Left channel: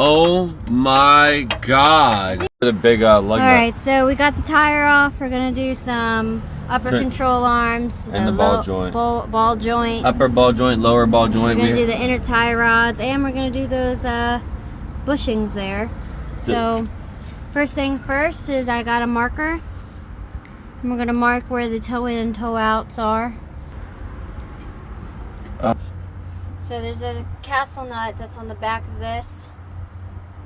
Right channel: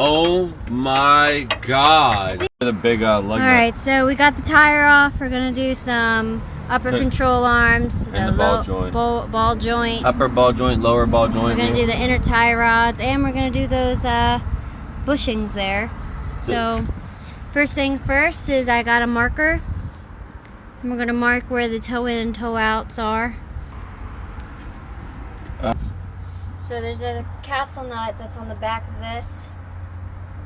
Oh my god. The big lug nut. Alright, so we got the tire off. We're going to do some upper control arms. And the ball joint. Ball joint. Upper ball joint, lower ball joint. We're going to do the inner tie rods. And we're going to do those bushings there. So, first thing first is I got a marker. And we're going to mark where the toe in and toe outs are. So there's a castle nut that's on the back of this.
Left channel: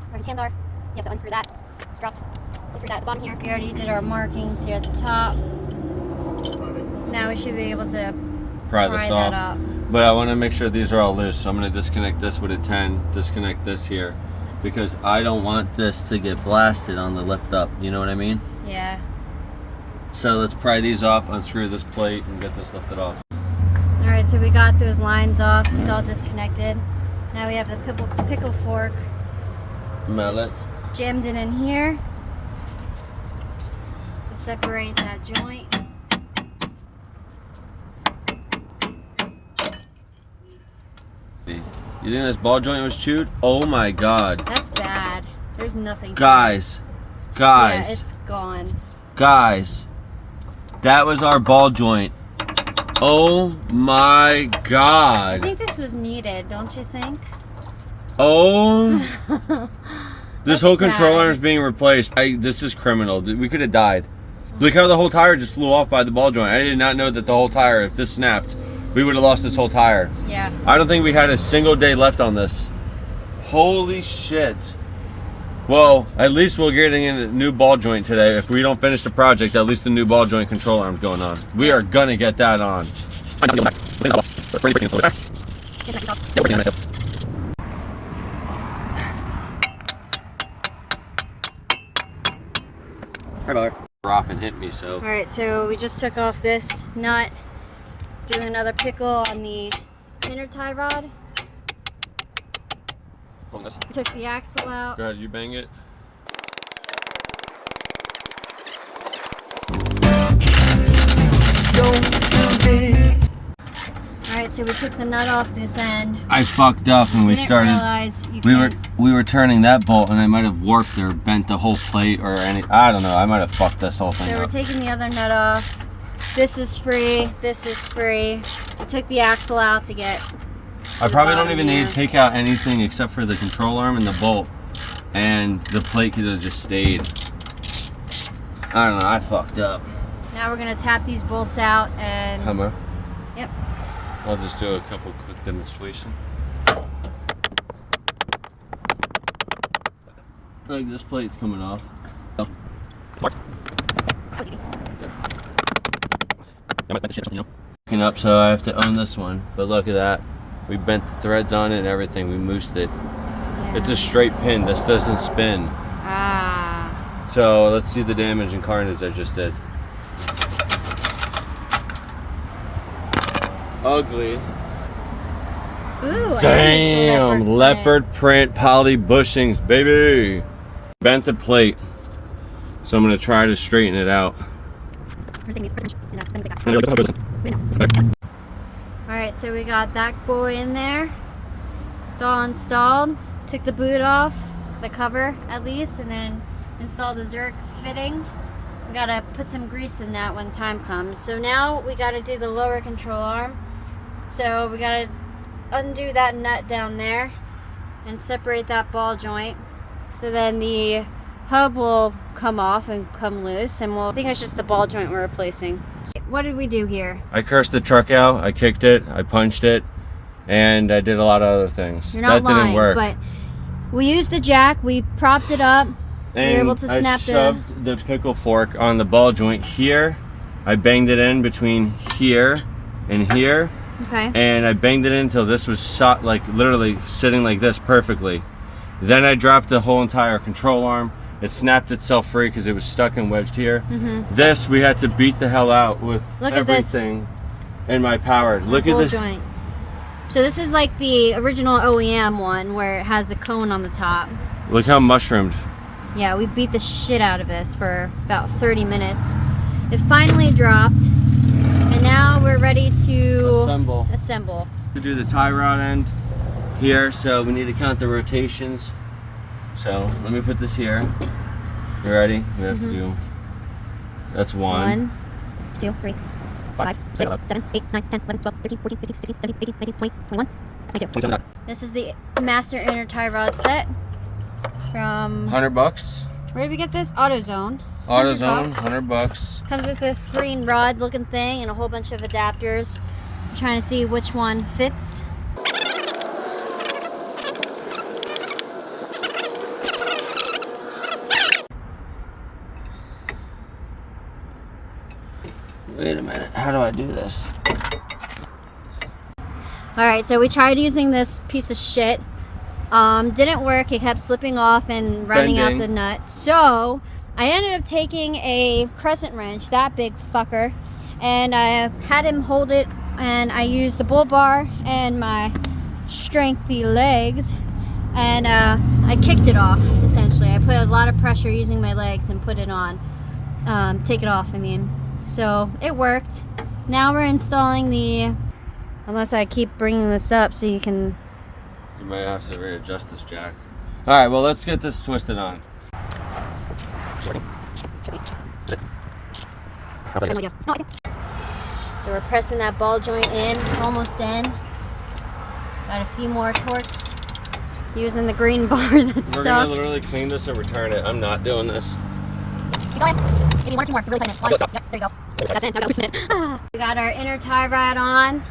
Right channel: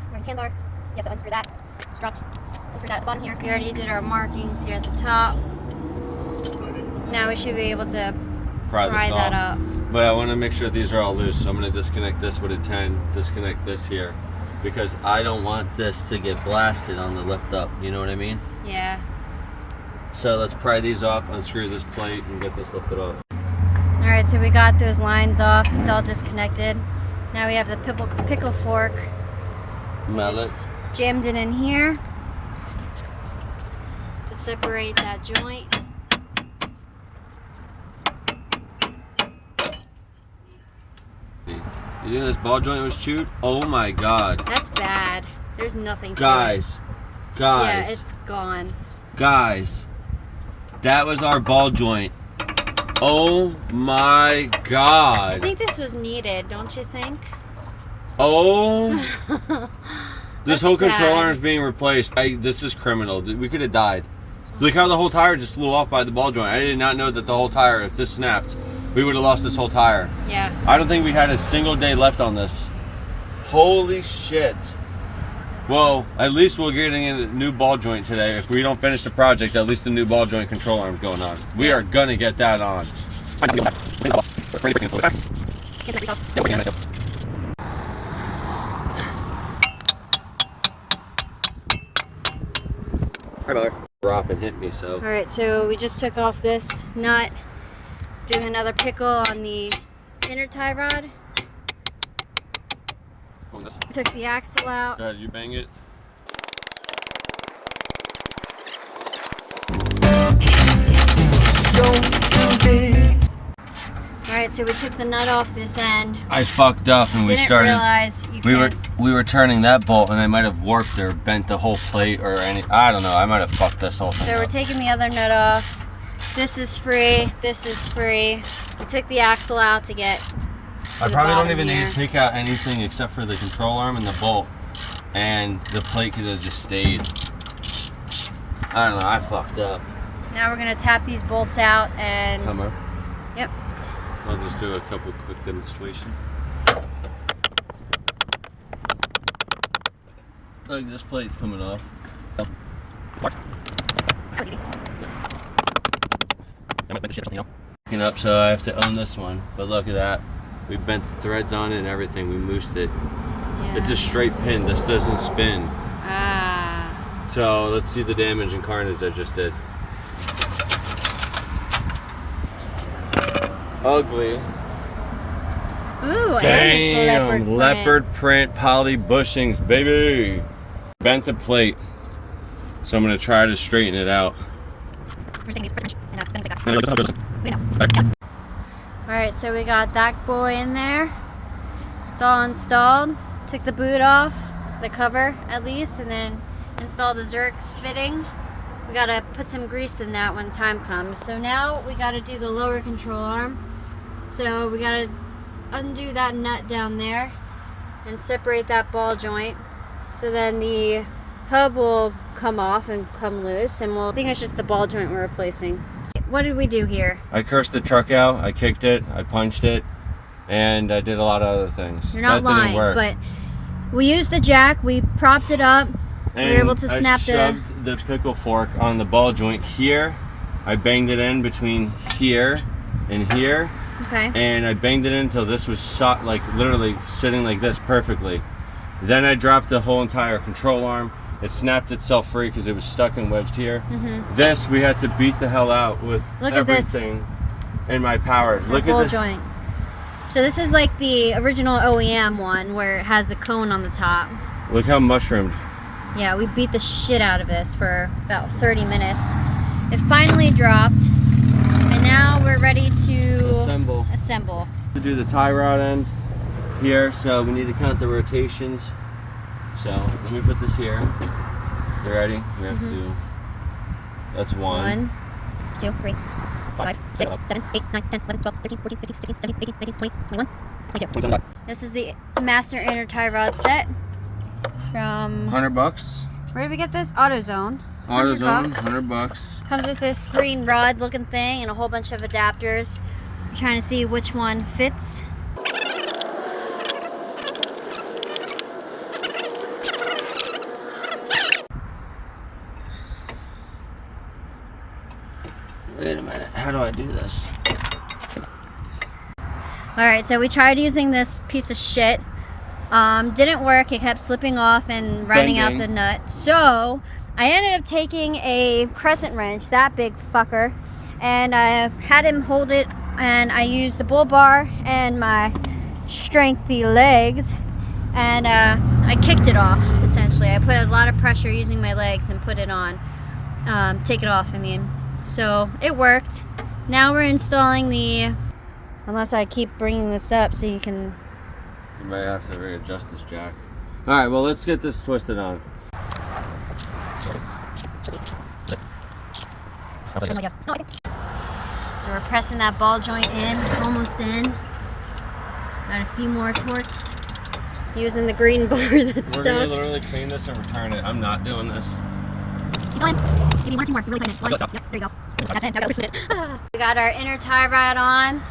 Where his hands are. You have to unscrew that. It's dropped. Unscrew that at the bottom here. We already did our markings here at the top. Now we should be able to pry that up. But I want to make sure these are all loose. So I'm going to disconnect this with a 10. Disconnect this here. Because I don't want this to get blasted on the lift up. You know what I mean? Yeah. So let's pry these off, unscrew this plate, and get this lifted off. Alright, so we got those lines off. It's all disconnected. Now we have the pickle fork. Mallet. Jammed it in here to separate that joint. You think this ball joint was chewed? Oh my god. That's bad. There's nothing to Guys. it. Yeah, it's gone. Guys. That was our ball joint. Oh my god. I think this was needed, don't you think? Oh. This whole control arm is being replaced. This is criminal. We could have died. Look how the whole tire just flew off by the ball joint. I did not know that the whole tire, if this snapped, we would have lost this whole tire. Yeah. I don't think we had a single day left on this. Holy shit. Well, at least we're getting a new ball joint today. If we don't finish the project, at least the new ball joint control arm's going on. We are gonna get that on. Rocket hit me, so. Alright, so we just took off this nut. Doing another pickle on the inner tie rod. We took the axle out. Go ahead, you bang it. Alright, so we took the nut off this end. I fucked up and we started. Realize you we were turning that bolt and I might have warped or bent the whole plate or any. I don't know. I might have fucked this whole thing. So we're taking the other nut off. This is free. This is free. We took the axle out to get. I probably don't even need to take out anything except for the control arm and the bolt, and the plate could have just stayed. I don't know. I fucked up. Now we're gonna tap these bolts out and. Hammer. Yep. I'll just do a couple quick demonstration. Like this plate's coming off. Up, so I have to own this one, but look at that. We bent the threads on it and everything. We moosed it. Yeah. It's a straight pin. This doesn't spin. Ah. So let's see the damage and carnage I just did. Ugly. Ooh, damn, and it's leopard print poly bushings, baby. Bent the plate, so I'm gonna try to straighten it out. Alright, so we got that boy in there. It's all installed. Took the boot off, the cover at least, and then installed the Zurich fitting. We gotta put some grease in that when time comes. So now we gotta do the lower control arm. So we gotta undo that nut down there and separate that ball joint. So then the hub will come off and come loose, and I think it's just the ball joint we're replacing. What did we do here? I cursed the truck out, I kicked it, I punched it, and I did a lot of other things. You're not lying, didn't work. But we used the jack, we propped it up, and we were able to snap I shoved the pickle fork on the ball joint here. I banged it in between here and here. Okay. And I banged it in until this was like literally sitting like this perfectly. Then I dropped the whole entire control arm. It snapped itself free because it was stuck and wedged here. Mm-hmm. This we had to beat the hell out with everything in my power. Look at this joint. So this is like the original OEM one where it has the cone on the top. Look how mushroomed. Yeah, we beat the shit out of this for about 30 minutes. It finally dropped, and now we're ready to assemble. To do the tie rod end here, so we need to count the rotations. So let me put this here. You ready? We have to do. That's 1, 2, 3, 5, 6, 7, 8, 9, 10, 11, 12, 13, 14, 15, 16, 17, 18, 19, 20, 21, 22. This is the master inner tie rod set from $100. Where did we get this? AutoZone. AutoZone, $100. Comes with this green rod looking thing and a whole bunch of adapters. I'm trying to see which one fits. Wait a minute, how do I do this? Alright, so we tried using this piece of shit. Didn't work. It kept slipping off and running out the nut. So I ended up taking a crescent wrench, that big fucker, and I had him hold it, and I used the bull bar and my strengthy legs, and I kicked it off, essentially. I put a lot of pressure using my legs and put it on. Take it off, I mean. So it worked. Now we're installing the, unless I keep bringing this up so you can. You might have to readjust this jack. All right, well, let's get this twisted on. So we're pressing that ball joint in, almost in. Got a few more torques. Using the green bar that sucks. We're gonna literally clean this and return it. I'm not doing this. Keep going. Give me 1 or 2 more. Really clean it. 1. Yep, there you go. That's it. Now we gotta loosen it. We got our inner tie rod on.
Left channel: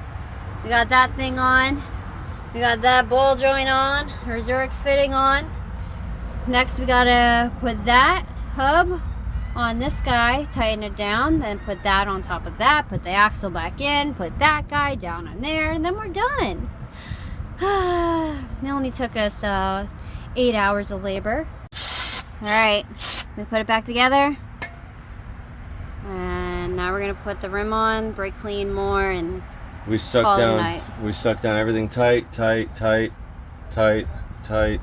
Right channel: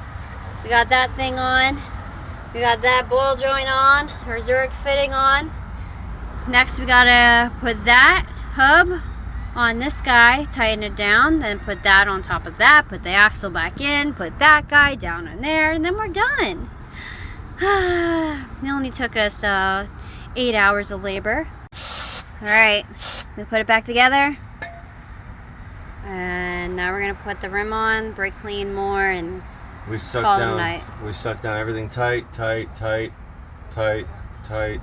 We got that thing on. We got that ball joint on. Our Zurich fitting on. Next we gotta put that hub on this guy, tighten it down, then put that on top of that, put the axle back in, put that guy down in there, and then we're done. It only took us 8 hours of labor. Alright, we put it back together. And now we're gonna put the rim on, brake clean more, and we suck call it a down. night. We suck down everything tight, tight, tight, tight, tight.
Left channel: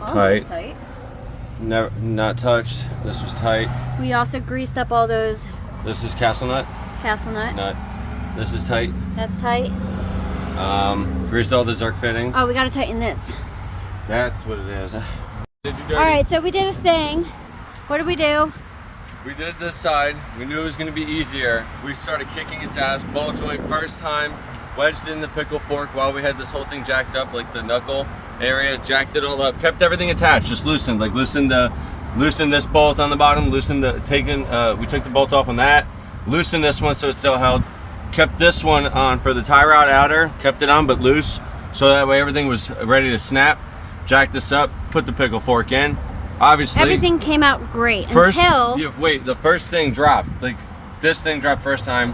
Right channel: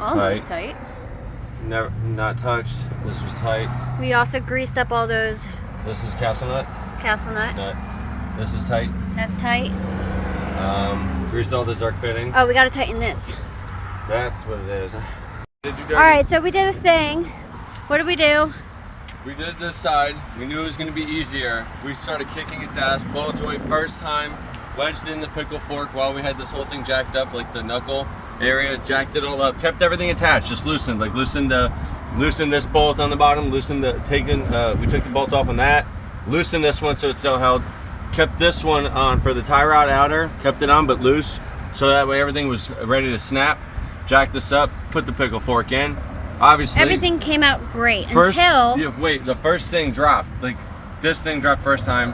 Almost tight. Never, not touched. This was tight. We also greased up all those This is castle nut. castle nut. This is tight. That's tight. Greased all the Zurich fittings. Oh, we gotta tighten this. That's what it is. Did you go? Alright, so we did a thing. What did we do? We did this side. We knew it was going to be easier. We started kicking its ass. Ball joint first time. Wedged in the pickle fork while we had this whole thing jacked up, like the knuckle area. Jacked it all up. Kept everything attached. Just loosened. Like loosened this bolt on the bottom. Loosened the we took the bolt off on that. Loosened this one so it still held. Kept this one on for the tie rod outer. Kept it on but loose. So that way everything was ready to snap. Jacked this up. Put the pickle fork in. Obviously everything came out great first, until the first thing dropped. Like this thing dropped first time.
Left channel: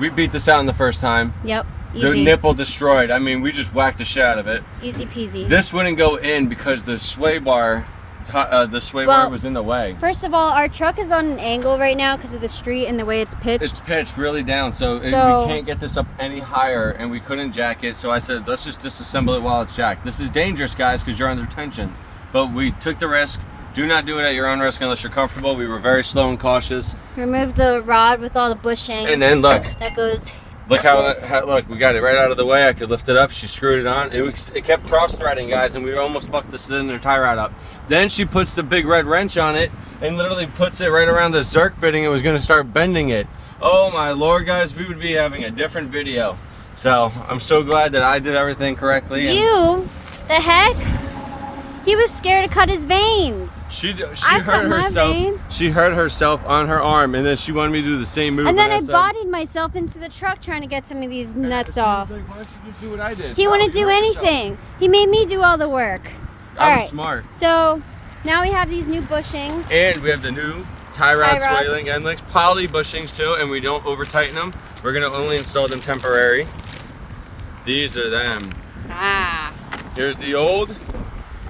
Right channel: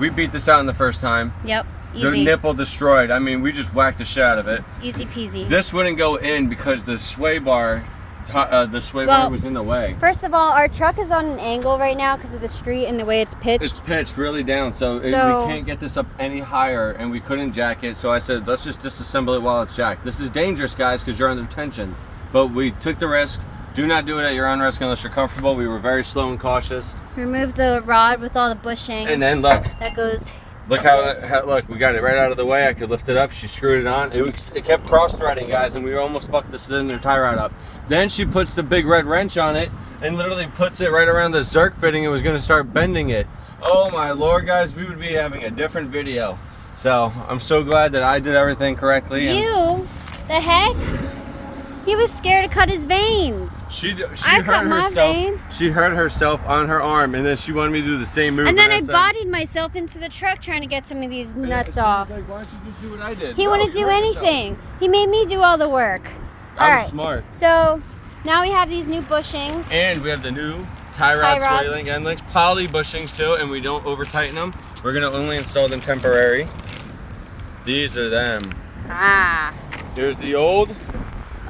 We beat this out in the first time. Yep, easy. The nipple destroyed. I mean, we just whacked the shit out of it. Easy peasy. This wouldn't go in because the sway bar was in the way. First of all, our truck is on an angle right now because of the street and the way it's pitched. It's pitched really down, so we can't get this up any higher, and we couldn't jack it. So I said, let's just disassemble it while it's jacked. This is dangerous, guys, because you're under tension. But we took the risk. Do not do it at your own risk unless you're comfortable. We were very slow and cautious. Remove the rod with all the bushings. And then look. That goes. Look look, we got it right out of the way. I could lift it up. She screwed it on. It kept cross-threading, guys, and we almost fucked the cylinder tie rod up. Then she puts the big red wrench on it and literally puts it right around the Zurich fitting and was going to start bending it. Oh my Lord, guys, we would be having a different video. So I'm so glad that I did everything correctly. The heck? He was scared to cut his veins. I cut my vein. She hurt herself on her arm, and then she wanted me to do the same move. And then I bodied myself into the truck trying to get some of these nuts off. Like, why don't you just do what I did? He wouldn't do anything. He made me do all the work. I was smart. So now we have these new bushings. And we have the new tie rod swaling end links, poly bushings too, and we don't over tighten them. We're gonna only install them temporary. These are them. Ah. Here's the old.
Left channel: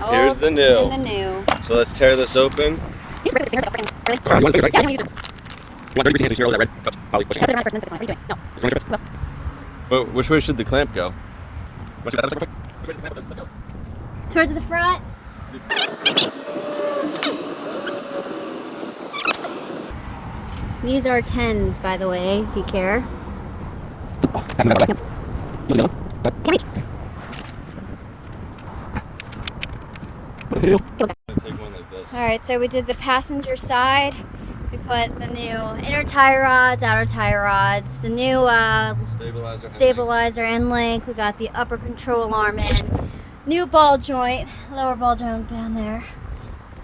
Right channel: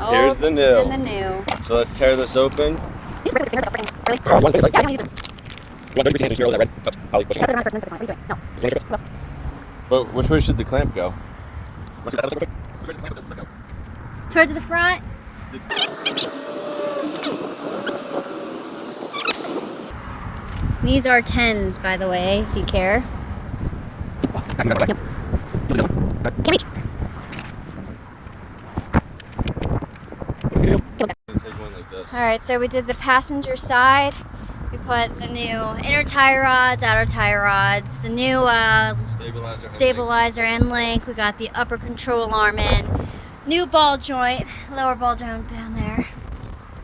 Here's the new. And the new. So let's tear this open. But which way should the clamp go? Towards the front. These are 10s, by the way, if you care. Take one like this. All right, so we did the passenger side. We put the new inner tie rods, outer tie rods, the new stabilizer end link. We got the upper control arm in, new ball joint, lower ball joint down there.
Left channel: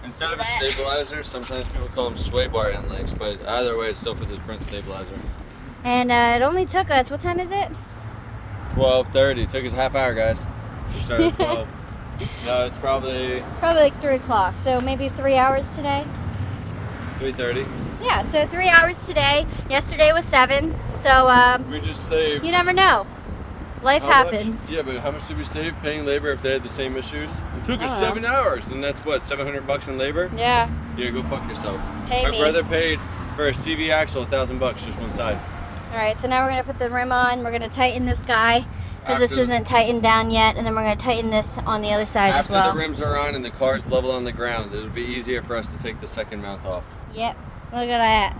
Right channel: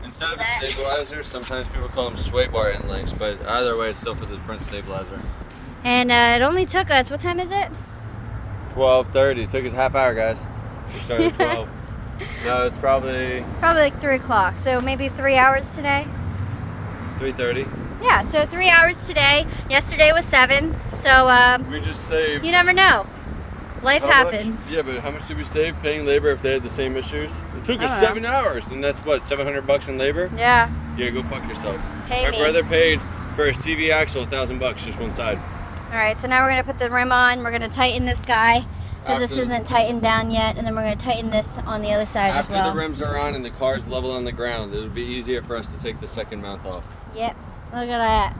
Instead of a stabilizer, sometimes people call them sway bar end links, but either way, it's still for the front stabilizer. And it only took us, what time is it? 12:30. It took us half hour, guys. We started at 12. No, it's probably Like 3 o'clock, so maybe 3 hours today. 3:30. Yeah, so 3 hours today. Yesterday was 7, so We just saved. you never know. Life How happens. much? Yeah, but how much did we save paying labor if they had the same issues? It took us I don't 7 hours, and that's what, $700 in labor? Yeah. Yeah, go fuck yourself. Pay My me. brother paid for a CV axle $1,000 just one side. All right, so now we're gonna put the rim on. We're gonna tighten this guy because this After- isn't tightened down yet, and then we're gonna tighten this on the other side as After well. the rims are on and the car's level on the ground, it would be easier for us to take the second mount off. Yep. Look at that.